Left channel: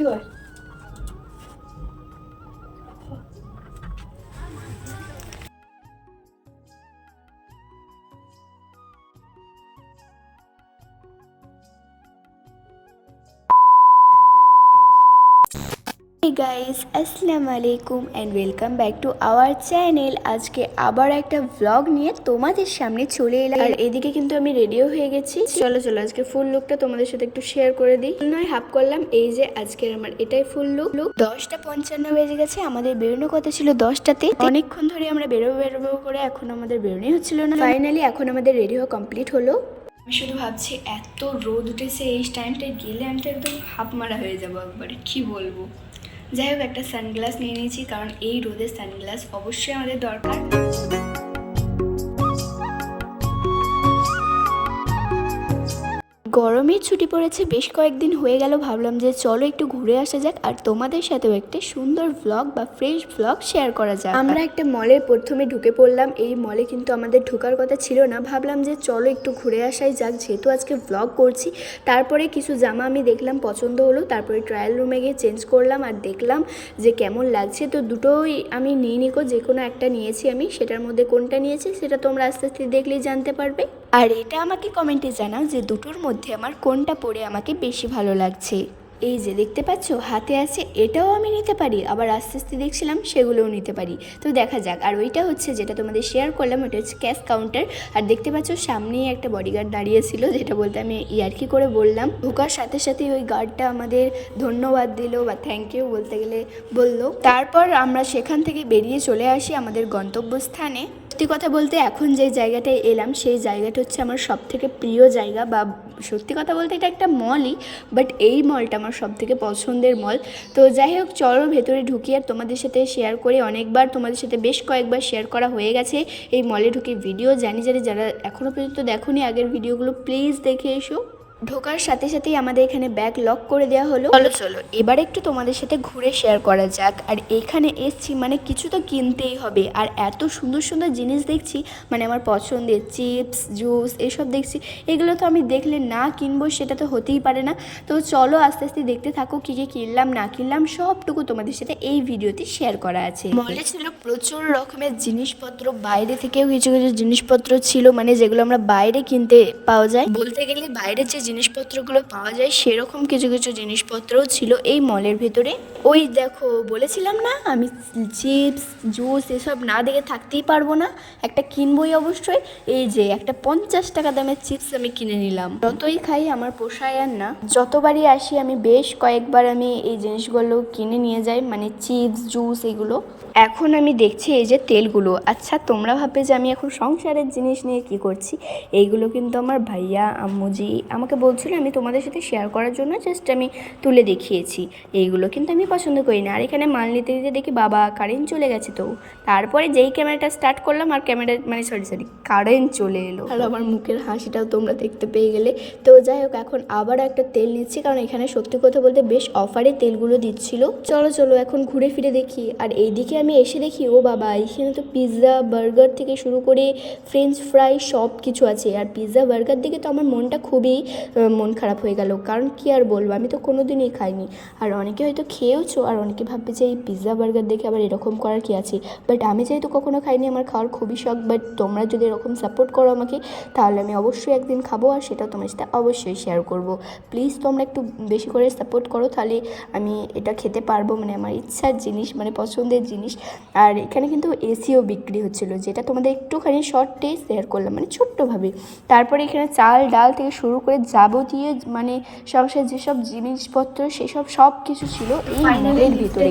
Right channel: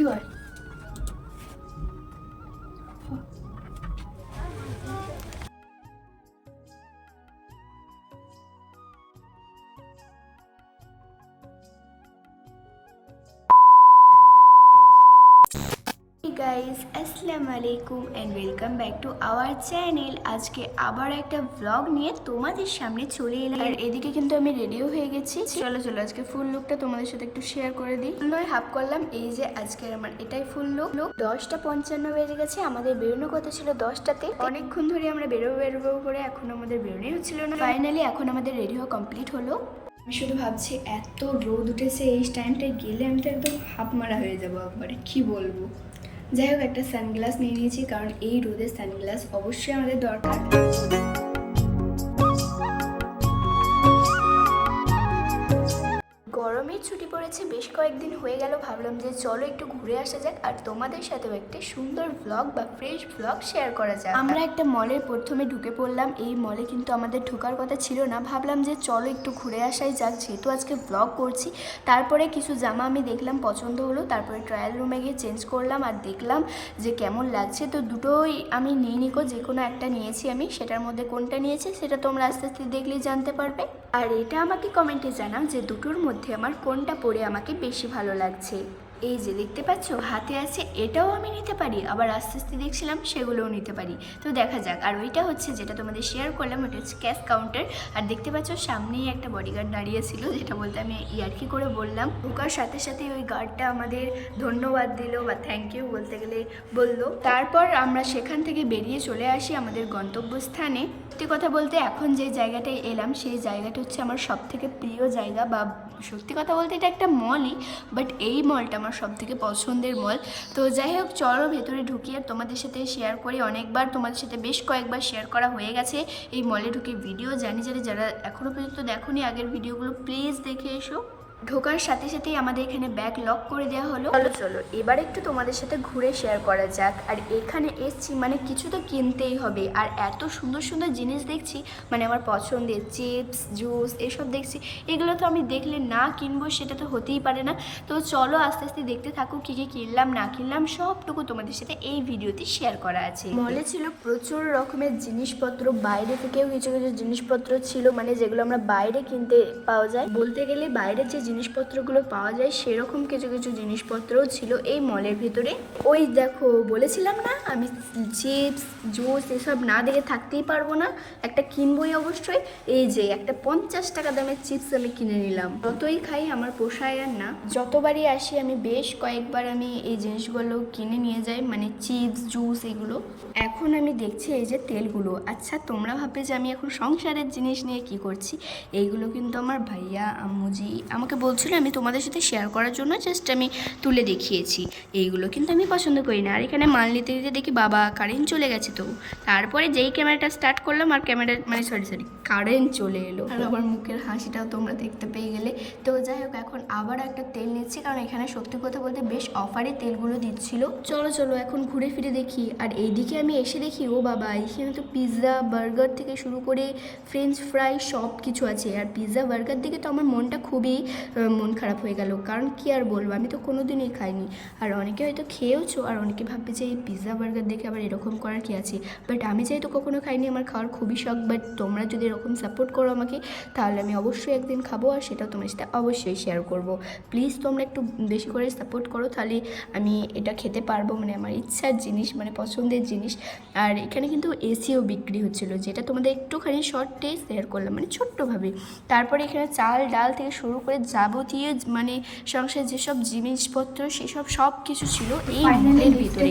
এদিকে আয়। Hey guys, আসসালামু আলাইকুম and welcome back to our channel আজকে আবার একটা ভ্লগ নিয়ে তোমাদের সামনে চলে এলাম। আর এদিকে কিন্তু আমি রেডিও হয়ে গেছি। চলো চলো আজকে ফুল লুকটা তোমাদের সাথে একটু শেয়ার করে দিই। নয় হাফ করলাম। এই যে আজকের আমার এটাই ফুল লুক লুক দশটা পঞ্চান্ন বেজে গেছে। আমাদের বেরোনো কথা ছিল দশটাতে। অনেকক্ষণ ধরে আমরা বেরোবো বেরোবো করে এখন আমাদের বেরোনোই হচ্ছিল না। ফাইনালি এখন আমাদের রেডি হওয়া কমপ্লিট হলো। আমি শুধু ভাবছি এত রোদ উঠেছে এই টাইমটায় গেলে আমি তো একদম হাফ মারা হয়ে যাব একবারে। কি বলব? যাই হোক একটা সানগ্লাস নিয়ে নিয়েছি কারণ এই রোদে সানগ্লাস অবশ্যই আমাদের দরকার। গরমের ছুটি পড়েছে, বেশ কয়েকদিন হয়ে গেল, ভাবলাম যে চলো একটু ঘুরে আসা যাক আর তোমাদের সাথেও একটা সুন্দর ভ্লগ বা ফ্রেশ ভ্লগ শেয়ার করা যাক। আমরা একটা মলের প্রথমে ঢুকে পড়লাম, এই মলে কিন্তু আমাদের ঢোকার কথা ছিল না, ভাবলাম যে চলো একটু ঘুরে আসাই যাক, যেহেতু আজকে ভ্লগ করছি। তারপরে কিছু জামা আমি দেখলাম, পছন্দ হলো, তারপরে ট্রায়াল রুমে গিয়ে চেঞ্জ করলাম আর দেখলাম যে কেমন লাগছে। তো দুটোই আমি নিয়ে নিকো যে কোনো একটা নিয়েছি আমি, সেটার মধ্যে কোনটা নিয়েছি সেটা তোমরা আস্তে আস্তে দেখলেই জানতে পারবে। আর এটা আমাকে কমেন্টে জানাও যে দুটোর মধ্যে আমার কোনটা পরে আমাকে বেশি ভালো লাগছে। এই যে দেখতে পাচ্ছ, হাতে আছে, এটাও আমি নিতে পারি, আবার আস্তে আস্তে দেখছিলাম, সেগুলোও নিতে পারি। তো দেখা যাক, আর ওইটা হচ্ছে যেটা তোমাদের শেয়ার করলাম, ওটা হচ্ছে ক্যাশ কাউন্টার আর দেখতে পাচ্ছ, সামনেই একটা বডিগার্ড দাঁড়িয়েছিল যেটা বলতে আমি ইয়ার্কি করে বললাম। ঢোকার সাথে সাথে ওই গার্ডটা আমাদের ধন্যবাদ দিল বা থ্যাংক ইউ বলতে গেলে বলল। তারপর আমরা সেখান থেকে বেরিয়ে চলে আসি আমাদের গন্তব্যস্থানে। সত্যি কথা বলতে এখন যে জায়গাটায় এলাম, সেই জায়গাটা হচ্ছে আমার সব থেকে প্রিয় জায়গা বা সত্যি কথা বলতে এটা একটা মলই বাট এই মলটা আমার সব থেকে পছন্দের মল তো যাই হোক, চলো ভেতরে ঢুকি আর তোমাদের সাথে শেয়ার করে। অনেকবার তোমাদের সাথে বেশ কয়েকবার শেয়ার করা হয়ে গেছে এই মলে ঢুকে ভিডিও জানি জানি যারা এখনও পর্যন্ত দেখোনি, আগের ভিডিওগুলো প্লিজ দেখে এসো। ঢোকার সাথে সাথেই আমাদের এখানে ব্যাগ লক করে দেওয়া হলো। চলো চলো, এবার একটু তোমাদের সাথে ঘুরে শেয়ার করা যাক। আর এখানে এসছি মানে কিছু তো কিনতেই হবে। আর এত সুন্দর সুন্দর জিনিস দেখছি মানে আমার পছন্দের চিপস জুস এসব দেখছি। এগুলো তো আমি দেখলে না কিনবো, সেটা তো হতেই পারে না। তো চলো, আস্তে আস্তে দেখতে থাকো কী কী কিনলাম, না কিনলাম, সবটুকু তোমাদের সাথে এই ভিডিওতে শেয়ার করা আছে। মলে ছিল প্রচুর রকমের জিনিসপত্র, বাইরে থেকেও কিছু কিছু জিনিসপত্র ছিল মানে যেগুলো আমরা বাইরে কিনতে পাওয়া যায়। বলতে গেলে বাইরে যে জিনিসপত্রগুলো পাওয়া যায়, সেরকম কিছু কিছু জিনিসপত্রও ছিল এই মলের ভেতরে। ওই দেখো, বলেছিলাম না? আমি চিপস, জুস এসব না দেখে থাকতেই পারব না। একটা কিনবই অবশ্যই। এই যে, একটা পঞ্চাশ টাকা দামের চিপস আমি কিনে নিলাম। যতই খাই, আমার পোষায় আর না। যতবারই আসি, আমি বেশ কয়েকবার আমি এই জিনিসগুলো কিনে নিয়ে যাই মানে চিপস, জুস এগুলো। এখন আমি দেখছি এই যে তেলগুলো। আচ্ছা তোমরা ভাববে যে আমি এখন সংসারের জিনিস নিয়ে কি করছি? এইগুলো কিন্তু আমার ভাইয়া, আম্মুজি, আমাকে বলছিল আমি তোমাদের সাথে শেয়ার করার জন্য জাস্ট আমি তুলে দেখিয়েছি। এইগুলো কিন্তু আমি পছন্দ করি না। আর এখানে মাল নিতে নিতে দেখি বাবা কারেন্ট চলে গেছে তো। তারপরে যেই ক্যামেরাটা স্টার্ট করলাম আর ক্যামেরা মানে সরি সরি কারেন্ট চলে এলো। আর আমার মুখের হাসিটাও তোমরা দেখতে পেয়ে গেলে। তো যাই হোক, এখন আবার একটা তেল নিচ্ছি কারণ এখানে সত্যি কথা বলতে বেশ অফারে তেলগুলো দিচ্ছিল। চলো চলো, এখন ঘুরে ফিরে দেখি। আর এইদিকে আমি এসে দেখি, ও বাবা, এখানে তো পিৎজা বার্গার থেকে শুরু করে ফ্রেঞ্চ ফ্রাই সব কিছু আছে। আর পিৎজা বার্গার দিকে তো আমার মনটা খুবই মন খারাপ হয়ে গেল। কারণ কি আর বলব? আমি তো কোনো দিনই খাইনি। আর অনেকে হয়তো খেয়েওছো, আর অনেকে ভাববে যে এই পিৎজা বার্গার দেখে আবার এরকম করার কি আছে? বাট আমি যেহেতু কখনো খাইনি, আমার খাওয়ার খুবই শখ। বাট তোমরা যদি এরকম সাপোর্ট করো আমাকে, তাহলে আমি অবশ্যই একদিন খাব, আর সেটা তোমার সাথে অবশ্যই শেয়ার করব। প্লিজ তোমরা একটু বেশি করে সাপোর্ট করো, তাহলে আমি এটা খেতে পারব। মানে আমার ইচ্ছার জিনিস মানে পছন্দের জিনিস। আর এখানে কিন্তু এসিও বিক্রি হচ্ছিল, যেটা তোমাদের একটুখানি শর্টে শেয়ার করলাম মানে ছোট্টভাবে। তারপরে এখানে চাল, ডাল থেকে শুরু করে যাবতীয় মানে সংসার যেসব জিনিসপত্র সেসব সব কিছু ছিল এই মলের ভিতরে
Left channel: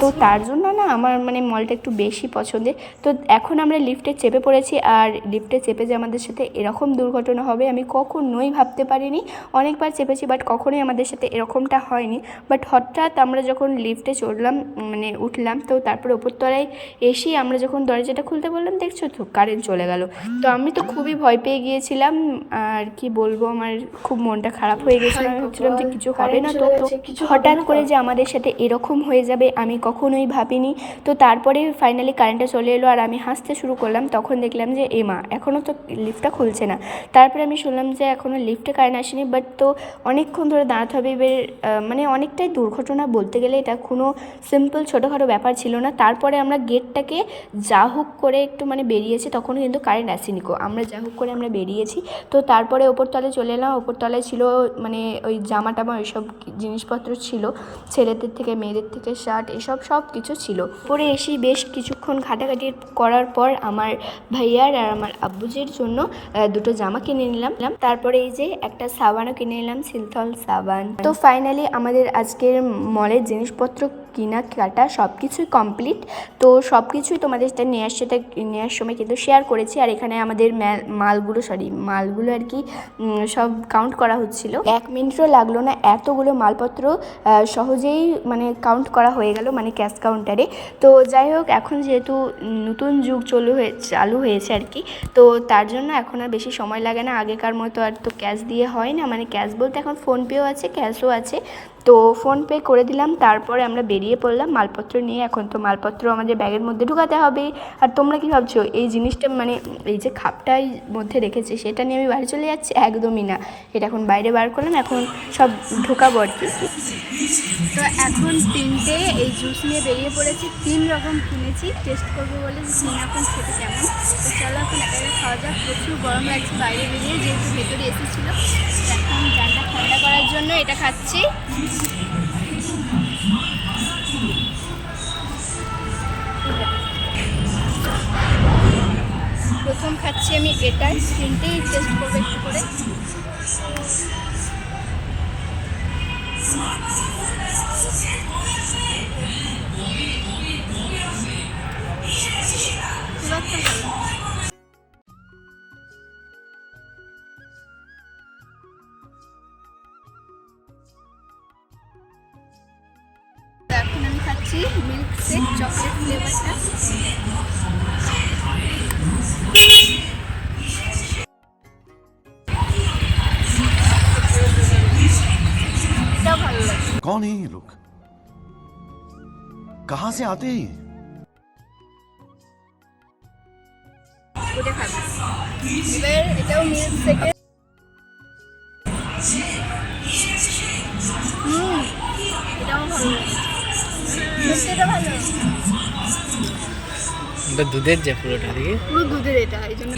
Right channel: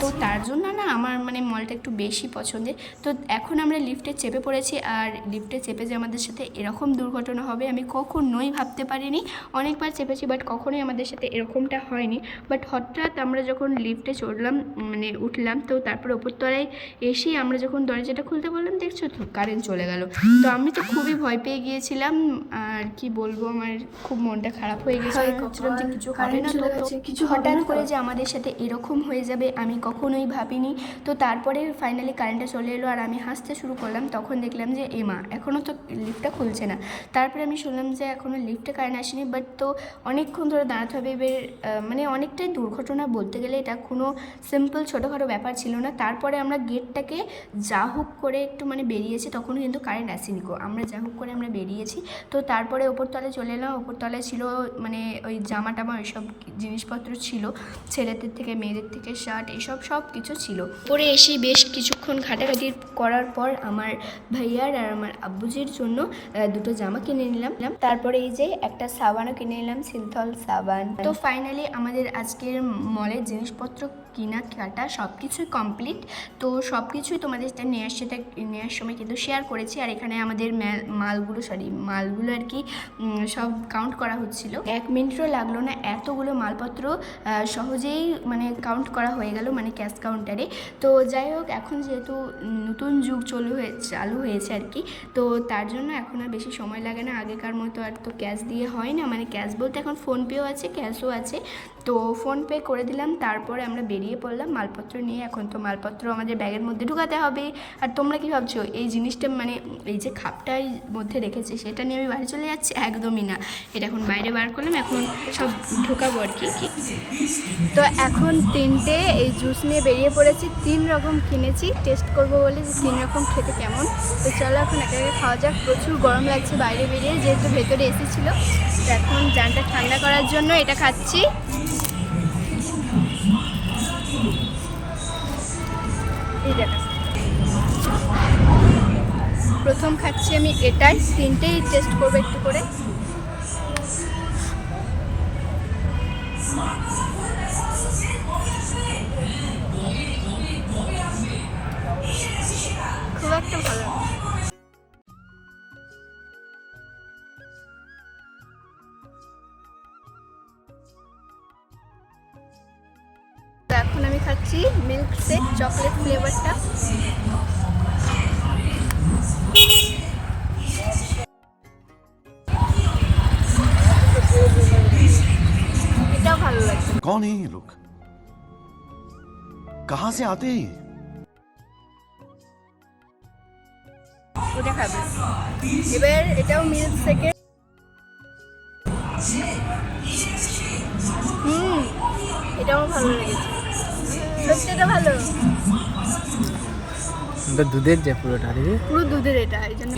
তো তার জন্য না আমার মানে মলটা একটু বেশি পছন্দের। তো এখন আমরা লিফটে চেপে পড়েছি আর লিফটে চেপে যে আমাদের সাথে এরকম দুর্ঘটনা হবে আমি কখনোই ভাবতে পারিনি। অনেকবার চেপেছি বাট কখনোই আমাদের সাথে এরকমটা হয়নি। বাট হঠাৎ আমরা যখন লিফটে চড়লাম মানে উঠলাম তো তারপর ওপরতলায় এসেই আমরা যখন দরজাটা খুলতে বললাম দেখছ তো কারেন্ট চলে গেল। তো আমি তো খুবই ভয় পেয়ে গিয়েছিলাম আর কি বলব আমার খুব মনটা খারাপ হয়ে গেছিল। আমি ভাবছিলাম যে কিছু হবে না তো তো কিছু হঠাৎ করে যে আমাদের সাথে এরকম হয়ে যাবে আমি কখনোই ভাবিনি। তো তারপরে ফাইনালি কারেন্টটা চলে এলো আর আমি হাসতে শুরু করলাম তখন দেখলাম যে এমা এখনও তো লিফটটা খুলছে না। তারপরে আমি শুনলাম যে এখনও লিফটে কারেন্ট আসেনি বাট তো অনেকক্ষণ ধরে দাঁড়াতে হবে। এবার মানে অনেকটাই দুর্ঘটনা বলতে গেলে এটা কোনো সিম্পল ছোটোখাটো ব্যাপার ছিল না। তারপরে আমরা গেটটাকে যা হোক করে একটু মানে বেরিয়েছি তখনও কিন্তু কারেন্ট আসেনি গো। আমরা যা হোক করে আমরা বেরিয়েছি। তো তারপরে ওপর তলে চলে এলাম ওপরতলায় ছিল মানে ওই জামা টামা ওইসব জিনিসপত্র ছিল, ছেলেদের থেকে, মেয়েদের থেকে, শার্ট, এসব সব কিছু ছিল। পরে এসে বেশ কিছুক্ষণ ঘাটাঘাটি করার পর আমার ভাইয়ার আর আমার আব্বুজির জন্য দুটো জামা কিনে নিলাম। তারপরে এই যে একটা সাবানও কিনে নিলাম সিলথল সাবান। তো ফাইনালি আমাদের আজকের মলের জিনিসপত্র কিনা, কাটা সব কিছুই কমপ্লিট তো সব কিছুই তোমাদের নেওয়ার সাথে নেওয়ার সময় কিন্তু শেয়ার করেছি। আর এখানে আমাদের মালগুলো সরি মালগুলো আর কি সব কাউন্ট করা হচ্ছিল। এক মিনিটও লাগল না, এতগুলো মালপত্র সহজেই মানে কাউন্ট করা হয়ে গেল মানে ক্যাশ কাউন্টারে তো যাই হোক, এখন যেহেতু নতুন যুগ চলু হয়ে, চালু হয়েছে আর কি, তো তার জন্য এখন আর বেশি সময় লাগে না। আগেকার মতো আর তো ক্যাশ দিয়ে হয় না মানে ক্যাশ বলতে এখন ফোনপেও আছে ক্যাশও আছে। তো ফোনপে করে দিলাম, তারপরে আমরা বেরিয়ে পড়লাম। মালপত্র নিয়ে এখন তো মালপত্র আমাদের ব্যাগের মধ্যে ঢুকাতে হবে। আর তোমরা কি ভাবছ, এই জিনিসটা মানে এই যে খাপটাই মধ্যে রেখেছি, সেটা নিয়ে আমি বাড়ি চলে যাচ্ছি? একদমই না। এটা এখন বাইরে বার করলাম, এখন সব ঢোকাবো আর কি তো এখন তিনটে, এই জুস নিয়ে বেরিয়ে পড়েছি, তিন রকম কিনেছি, টেস্ট করব বলে যে তিন রকম খেতে কেমন। তো চলো এখন একা একা খাওয়া যাক, প্রচুর গরম লাগছে বাইরে বেরিয়ে, যেহেতু ভেতরে এসি ছিল। এখন জানটা ঠান্ডা করার জন্য এটা খাচ্ছি। প্রথম খাচ্ছি আমি এটাই, তিনটেই টেস্ট করব একটু করে। খাচ্ছি মিল্ক শেক চকলেট ফ্লেভারটা এটাও ভালো লাগছে कौन है ये लोग कहां से आते हैं ये এটা খাবে এবার এটাও মিল্ক শেকের দুধের যে পুরোটা পুরো দুধের এটা এই জন্য।